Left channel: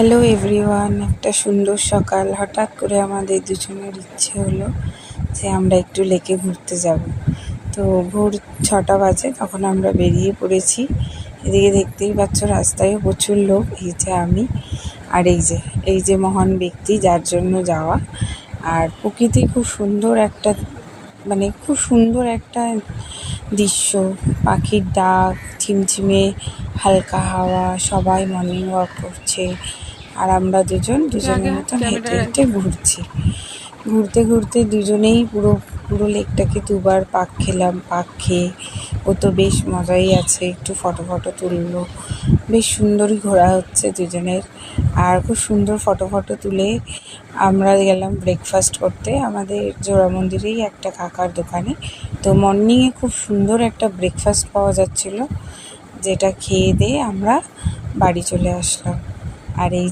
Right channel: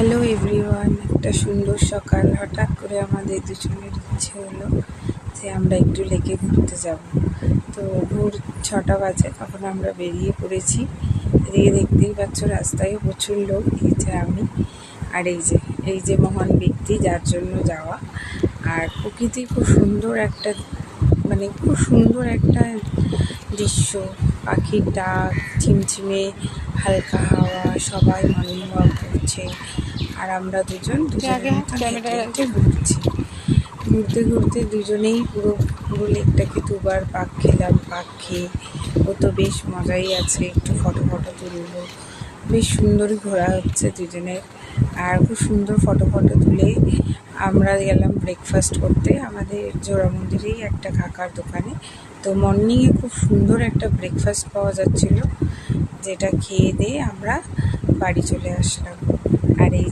Hello everyone, একটা সুন্দর সকাল। হঠাৎ করে আমাদের দুজনের ইচ্ছে হলো যে আমরা একটু লেকে ঘুরতে যাব। তো ভোর 6টা বাজে, তখন আমরা বেরিয়ে পড়েছি। এদিকে দেখতেই পাচ্ছ রাস্তায়ও প্রচুর লোক। এই যে আমি আর এই যে মহান ব্যক্তি যার জন্য যাওয়া। আর প্রকৃতি খুব সুন্দর একটা, খুব সুন্দর একটা দৃশ্য। পাখির ডাক, ঝিমঝিমে হালকা হাওয়া, সবাই মর্নিং ওয়াক করছে আর আমরা দুজনের মতন হেঁটে হেঁটে ঘুরতে ঘুরতে দুজনেই পুরো লেকটাকে দুবার পাক খেলাম। পাক খেয়ে ও তো বেশ মজাই আছে, একটু ফটো তুললো। বেশ সুন্দরই ঘোরা হচ্ছে দুজনের। আর খুব সুন্দর ফটো তুলে আমরা গেলাম ব্রেকফাস্ট করতে আমাদের জোড়া মন্দিরেই একটা কাকার দোকানে। তো মর্নিংয়ে খুব সুন্দর একটা ব্রেকফাস্ট পাওয়া যাচ্ছিলো, যেটা খেয়ে দিয়ে আমরা বাড়ি চলে আসলাম। আর এই